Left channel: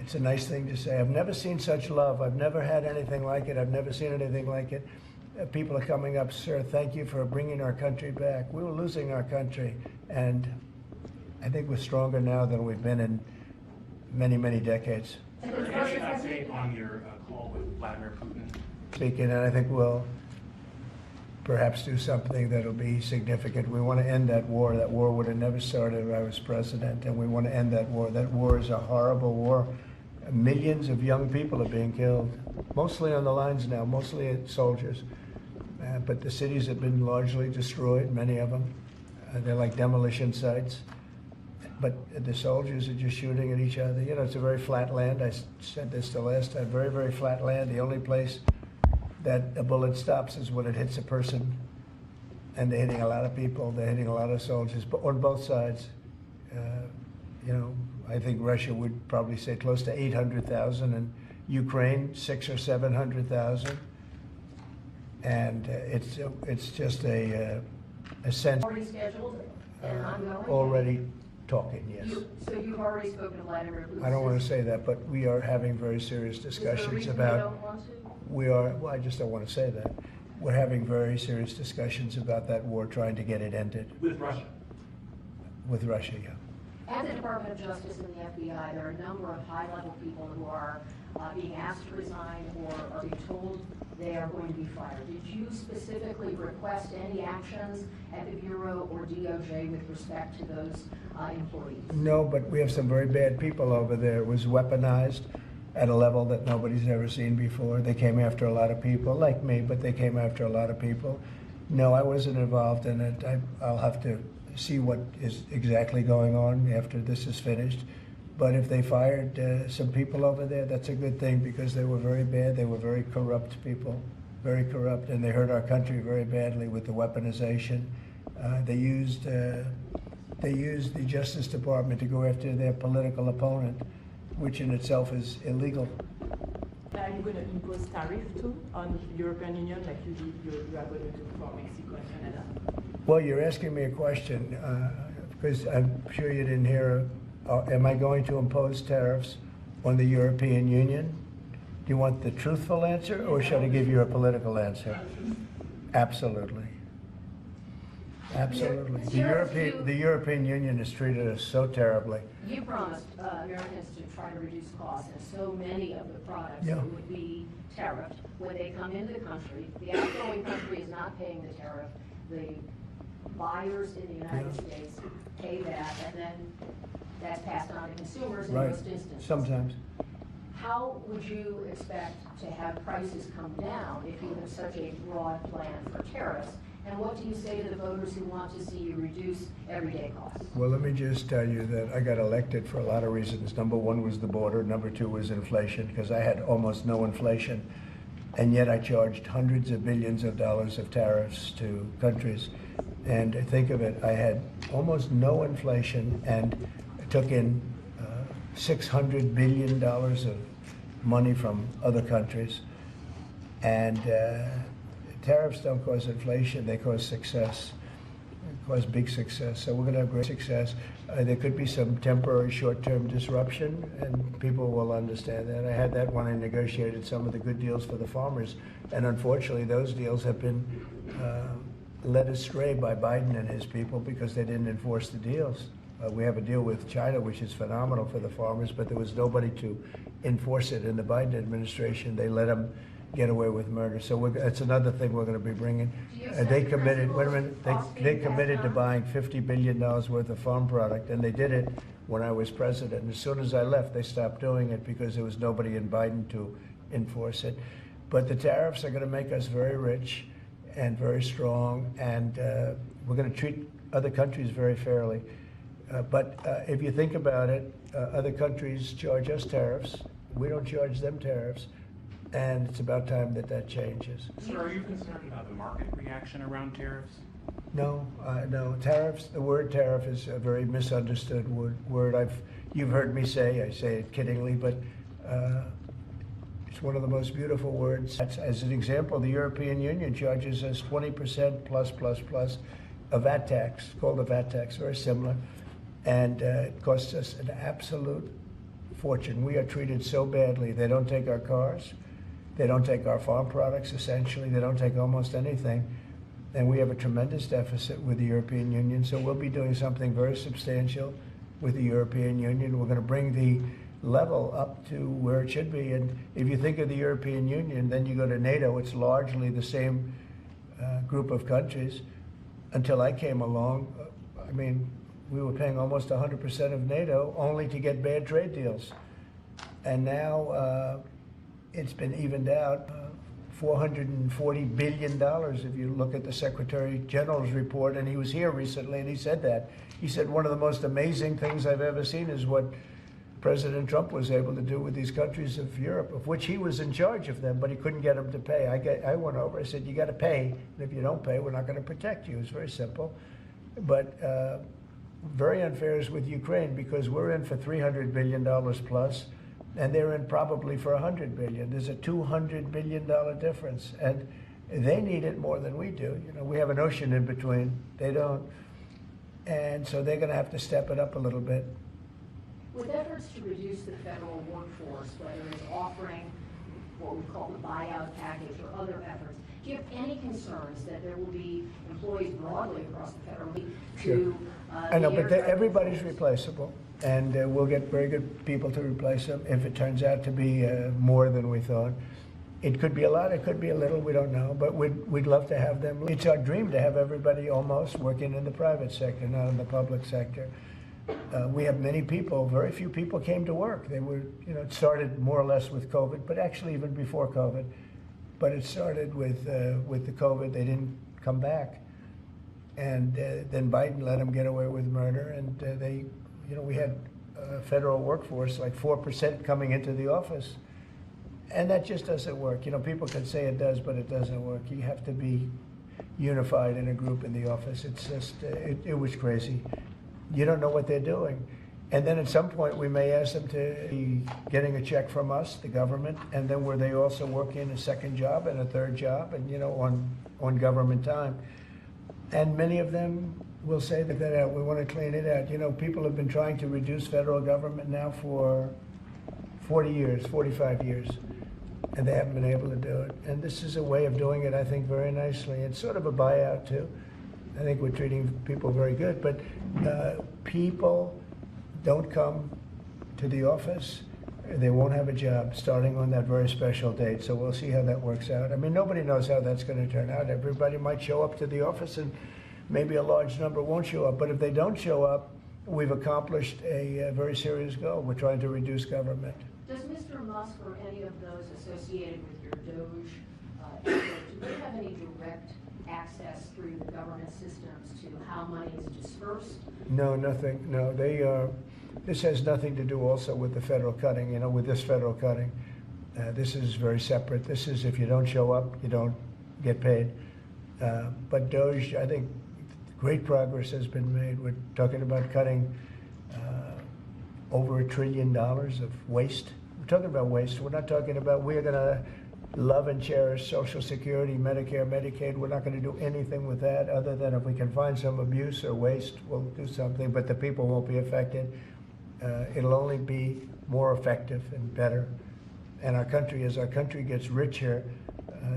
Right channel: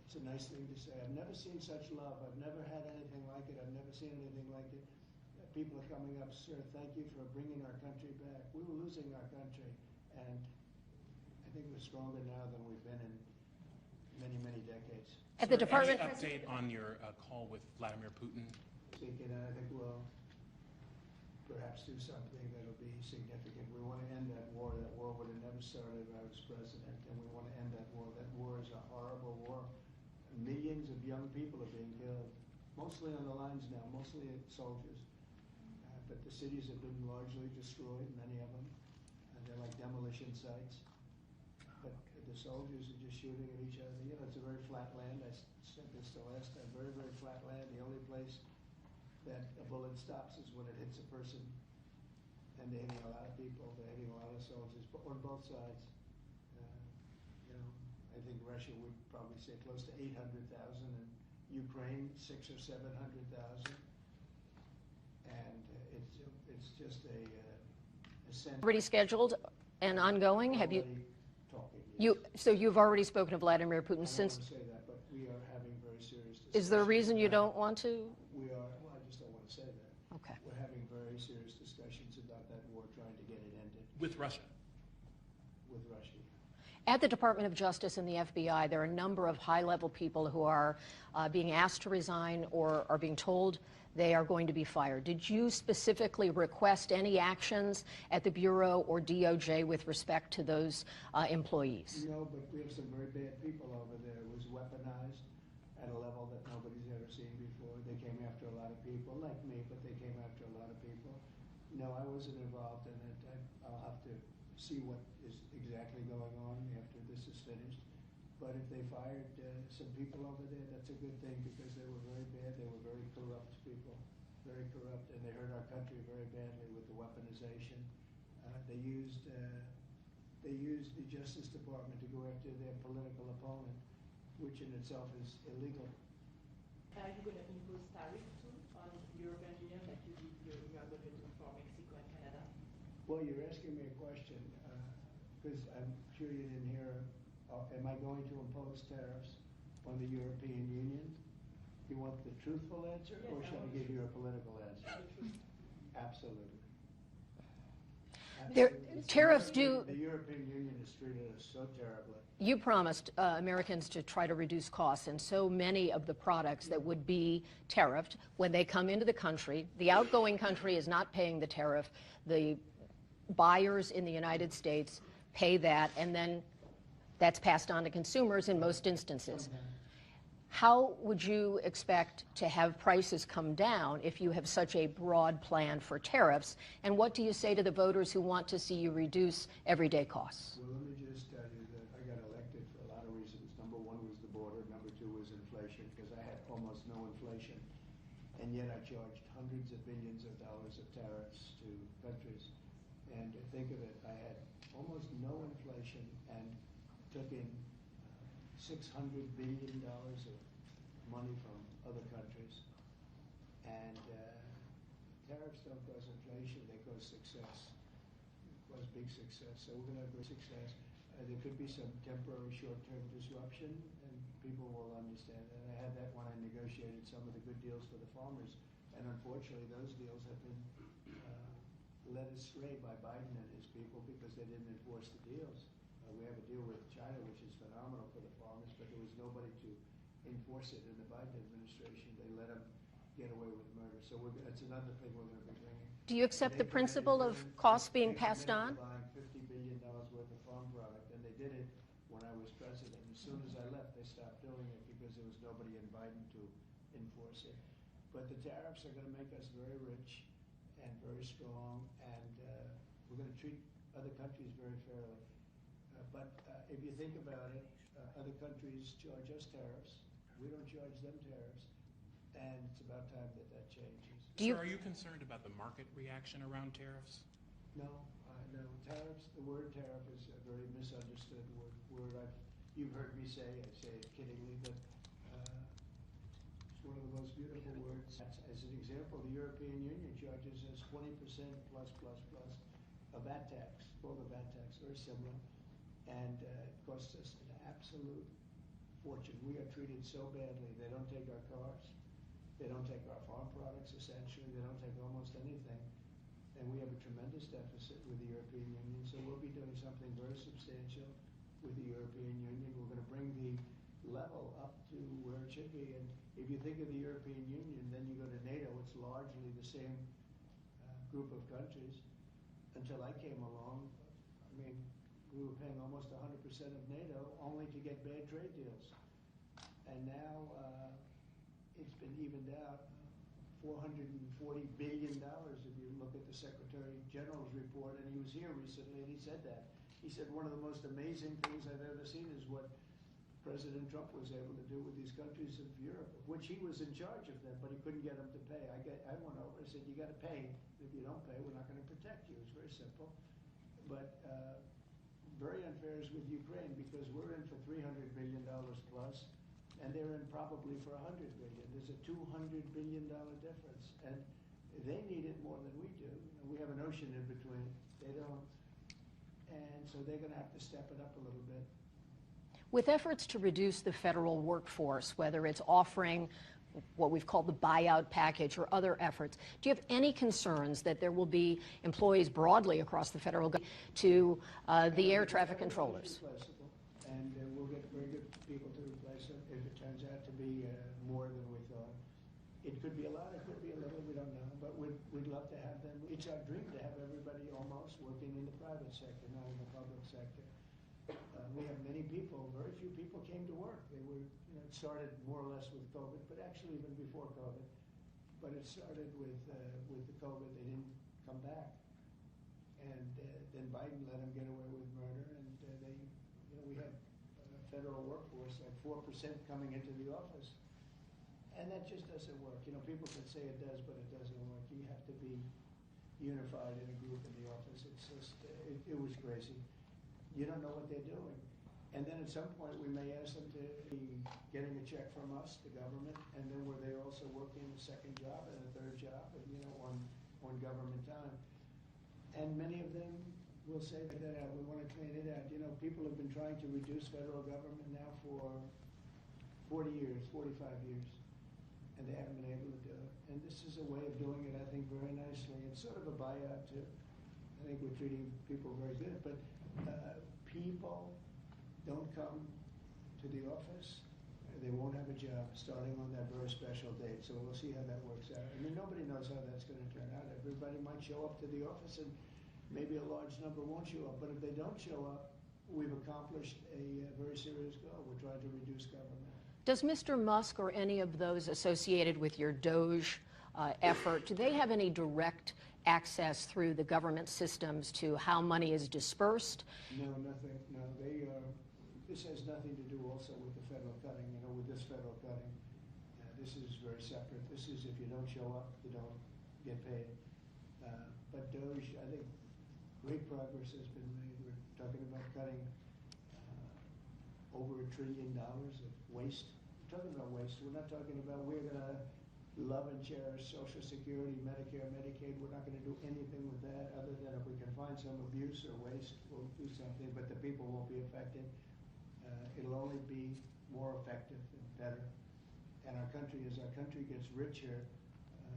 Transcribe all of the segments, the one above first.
It's a nice thing to say. I've never seen such love. I've never had anything like it. I've never seen anything like it. People are coming up, sir, thank you for bringing our country back. We were losing our country, and I think we're stronger now than we've been in many, many decades. And the Department of State on your call with Vladimir Putin. Speaking, and I think we'll perhaps do something that'll be significant. We want to end that war. That war would have never started if I was president, and we want to end that war. That war is a horrible war. Millions of young people are being killed, mostly on the lines now, mostly soldiers. But the cities have been largely destroyed, many of them. They're like demolition sites. But the soldiers are just shooting at each other. You know, it's a very flat land. I said this the last time, very, very flat land. The only place that a bullet stops is when it hits a person. And they're hitting a lot of people. They're hitting a lot of soldiers, but on both sides. You know, I think Russia would probably say close to 800,000, and Ukraine 600,000 or 700,000. And it's just a sense. Already scheduled and ongoing? Already talking, yes. So you've already spoken to Vladimir Putin? I don't want to say that, but we are having very serious discussions about. Is there a reason you don't want to? We are. Well, I just don't want to say that. Okay. We're having very serious discussions about that war, trying to get it ended. With Russia? With Russia, yeah. At the Department of Justice and the FBI, there are a number of high-level people who are being asked to resign or are being told they are going to be fired. Did you specifically request any actions at the Bureau or DOJ with respect to those employees? No, but we have some very bad people over there. It was weaponized at a level that nobody's ever seen before. They came after a lot of people, like me, but they came after a lot of people. No, I wasn't involved in it. I'll have to see what is exactly going on after this is finished. But if they fired some people over there, that's a good thing, because they were very bad. They were very corrupt people, very corrupt, and they hurt our country very badly with the weaponization. They used the Justice Department to go after their political opponent, which in itself is illegal. Are you going to impose tariff too on the European Union, like you are going to do for Mexico and Canada? Well, you're asking me a question, because I'm sure you didn't hear. Am I going to impose tariffs on the European Union? Do you want the truthful answer, or should I give you a political answer? Absolutely. Absolutely. The European Union has treated us so terribly. You promised Americans to try to reduce costs, and so many of the products that would be tariffed, when they come into the country, the outgoing country is not paying the tariff. The buyers in the United States pay that, and then that's passed on to consumers in most instances. Sometimes. How would you expect to have prices come down if you have such a broad plan for tariffs? And what do you say to the voters who want to see you reduce everyday costs? Well, let me just tell you that I got elected for a lot of reasons. Number one was the border. Number two was inflation, because I had almost no inflation. And yet I charged hundreds of billions of dollars of tariffs to countries. And think of it, I had almost no inflation and took in $600 billion of money from other countries. And tariffs don't cause inflation, they cause success, cause big success. So we're going to have great success. There could be some temporary short-term disruption, and people will understand that. I had that when I negotiated some of the good deals for the farmers. And unfortunately, those deals have been led astray by Biden and his people because they didn't enforce the deals. We have a deal with China, which is phenomenal for the farmers, but there was nobody to enforce it in the Biden administration. They let them get away with murder. So that's another thing we're going to be bringing. Do you accept the principle of costs being passed on? They committed to buying $50 billion worth of farm product, and they did it when I was president. And as soon as I left, they stopped doing it because there was nobody in Biden to enforce it. But the tariffs are going to make us very rich and very strong, and we're going to treat other countries very fairly. But if you think about it, other countries charge us tariffs. We don't charge them tariffs. And it's about time that that changes. Sir, are you concerned about the market reaction around tariffs? No, no. Tariffs, the word tariff is a very misunderstood word. You've heard me say, I say it kiddingly, but it's one of the most beautiful words. As an example, the European Union charges us 20% plus a VAT tax, called a VAT tax, very similar. And it costs us an absolute fortune. We are treated so badly. They don't take our cars. They don't take our farm products, essentially. They don't take almost anything. And we have a tremendous deficit with the European Union, so we'll be doing something very substantial with the European Union. We're going to bring the level up to where it should be. And if you think of the European Union, then you go to NATO, it's largely the same group of countries. Until I came along, I mean, we were paying almost 100% of NATO only to get bad trade deals. And now it's been evened out. $440 billion if you look at the Secretary General's report, and he was here recently and he said that. He said one of the most amazing things I've ever seen is what President Trump was able to do with these countries of Europe, of which he was in charge of them, but he couldn't get them to pay. I went over, I said, you got to pay, and if you don't pay, we're not going to protect you. It's very simple. But very unfair is with Ukraine, because we're in for $300 billion plus, and they're in probably for $100 billion. There's a $200 billion difference, and they need it more than we do. You know, we have an ocean in between. They don't. And so they're going to have to step it up a little bit. With efforts to reduce the federal workforce, whether it's offering what we've called the buyout package or other efforts, do you have any concerns that there will be employees broadly across the federal government to I know, the air but traffic everybody's controllers? Replaceable, and we'll get very good people to replace them if it turns out to be more than we thought. It could be a lot, it could be a little, we don't know, but we'd love to have them. It's our dream to have everybody almost working in the private sector, not in the public sector. We have many people, very few people came to work. They were, you know, it started more or less with COVID, but actually even before COVID. But it started with the COVID, they didn't come back. And then Biden let them get away with murder, and they, you know, we had a federal workforce like 4% coming into the office. And that just doesn't work. You know, people can say it does, but it doesn't work. You have to be unified in a group in the office. It's just, it was crazy. You don't know what they're doing. And then at some point we may ask them to be getting a check from us, the government, and then were they also working a second job and a third job, and, you know, on government time. And many of them will say that we want to clean it out. You know, people have been trying to reduce federal government now for 40 years, 45 years, and they haven't been able to do it. And this is a way of doing it, I think, very nicely. It's sort of a buyout, too. I think we're treating people very good, but people don't come to the office, they won't have a job starting on that very special date. So we'll see how that works out. I mean, nobody knows how that's going to turn out. Everybody might show up to the office and maybe a large number won't show up. But if they don't show up, we've accomplished a very serious goal. We're trying to reduce government. Does Mr. Musk or any of those associated with your DOGE effort, do they have any direct access through the government systems to how money is dispersed? No, nothing. No, they this has nothing to do also with the federal cutting, you know, with this federal cutting. This is very separate. This is if you don't show up, you don't get paid. But DOGE, I think great progress has been made. We're talking about cutting over $1 trillion of waste. We're talking about waste. We're not talking about we're going to love and cherish Social Security, Medicare, Medicaid. We're not going to do anything with that other than if we can find some abuse or waste, we'll do something, but the people won't be affected. It'll only be more effective and better. And our country, as our country gets richer,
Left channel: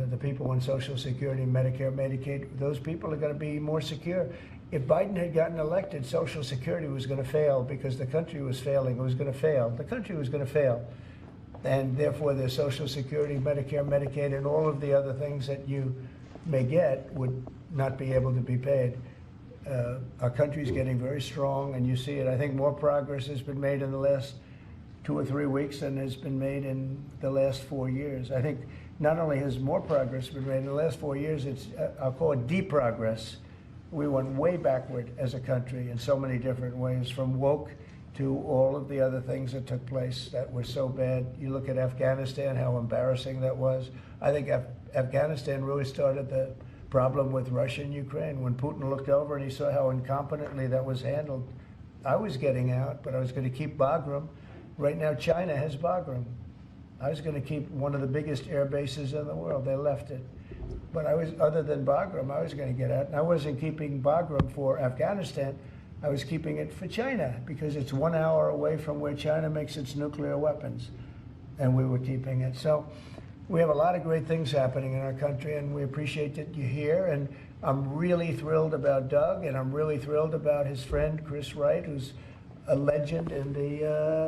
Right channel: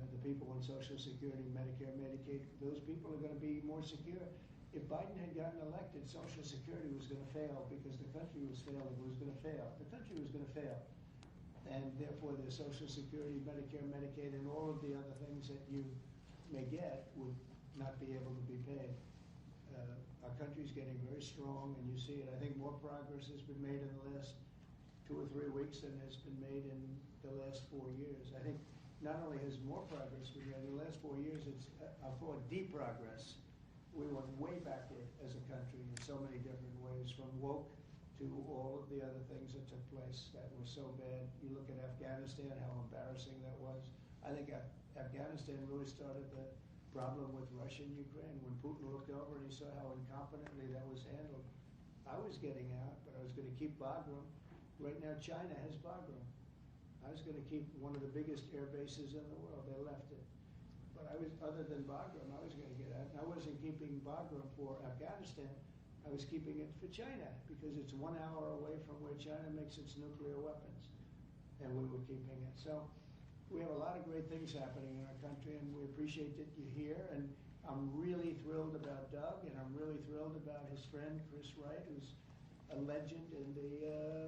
the people on Social Security, Medicare, Medicaid, those people are going to be more secure. If Biden had gotten elected, Social Security was going to fail because the country was failing. It was going to fail. The country was going to fail. And therefore, the Social Security, Medicare, Medicaid, and all of the other things that you may get would not be able to be paid. Our country's getting very strong, and you see it. I think more progress has been made in the last 2 or 3 weeks than has been made in the last 4 years. I think not only has more progress been made in the last 4 years, it's, I'll call it de-progress. We went way backward as a country in so many different ways, from woke to all of the other things that took place that were so bad. You look at Afghanistan, how embarrassing that was. I think Afghanistan really started the problem with Russia and Ukraine. When Putin looked over and he saw how incompetently that was handled, I was getting out, but I was going to keep Bagram. Right now, China has Bagram. I was going to keep one of the biggest air bases in the world. They left it. But I was, other than Bagram, I was going to get out. And I wasn't keeping Bagram for Afghanistan. I was keeping it for China because it's 1 hour away from where China makes its nuclear weapons, and we were keeping it. So we have a lot of great things happening in our country, and we appreciate that you're here. And I'm really thrilled about Doug, and I'm really thrilled about his friend Chris Wright, who's a legend in the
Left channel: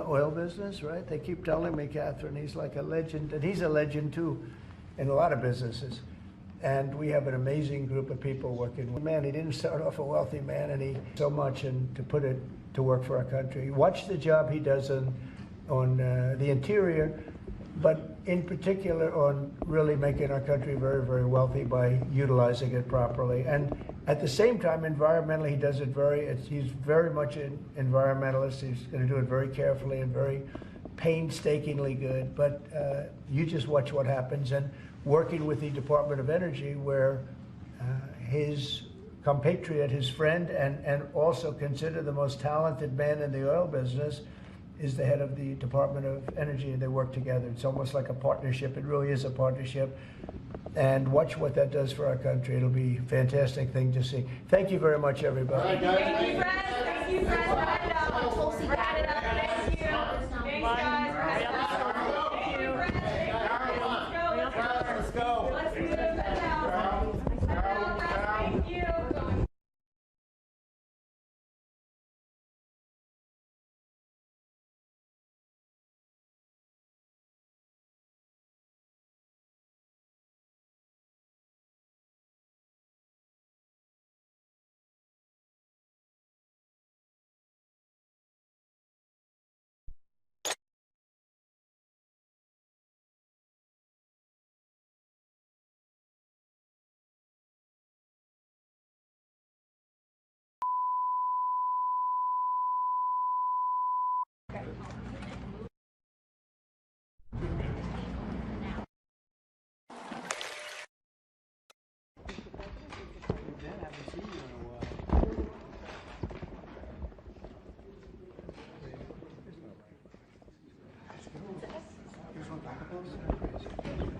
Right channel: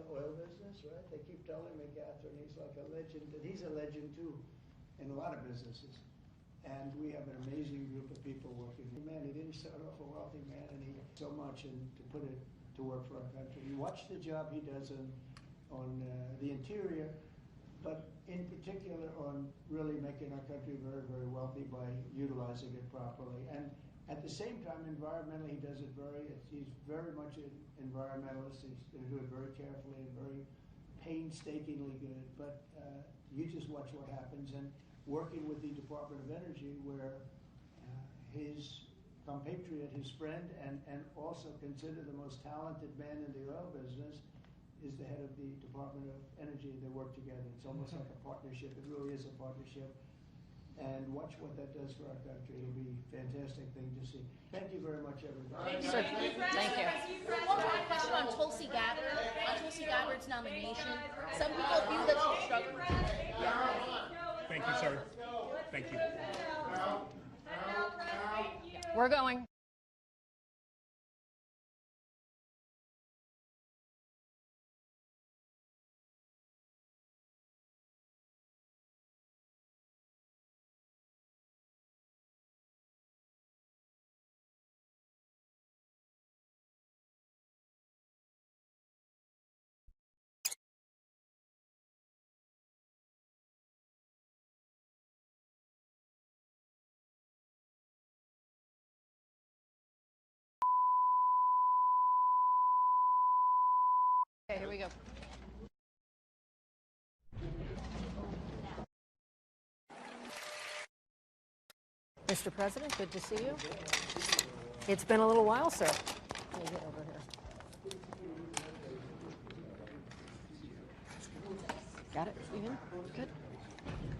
oil business, right? They keep telling me, Catherine, he's like a legend, and he's a legend too in a lot of businesses. And we have an amazing group of people working with. Man, he didn't start off a wealthy man, and he so much, and to put it to work for our country. Watch the job he does on the interior, but in particular on really making our country very, very wealthy by utilizing it properly. And at the same time, environmentally, he does it he's very much an environmentalist. He's going to do it very carefully and very painstakingly good. But you just watch what happens. And working with the Department of Energy, where his compatriot, his friend, and also considered the most talented man in the oil business, is the head of the Department of Energy, and they work together. It's almost like a partnership. It really is a partnership. And watch what that does for our country. It'll be a fantastic thing to see. Thank you very much, everybody. Thank you, Fred. Thank you, Fred. Tulsi got it up. Thank you. Thanks, guys. Let's go. Let's do this now. Thank you. We're going. Okay, here we go. Mr. President, good to see you. It's been a little while, sir. Got it? Good.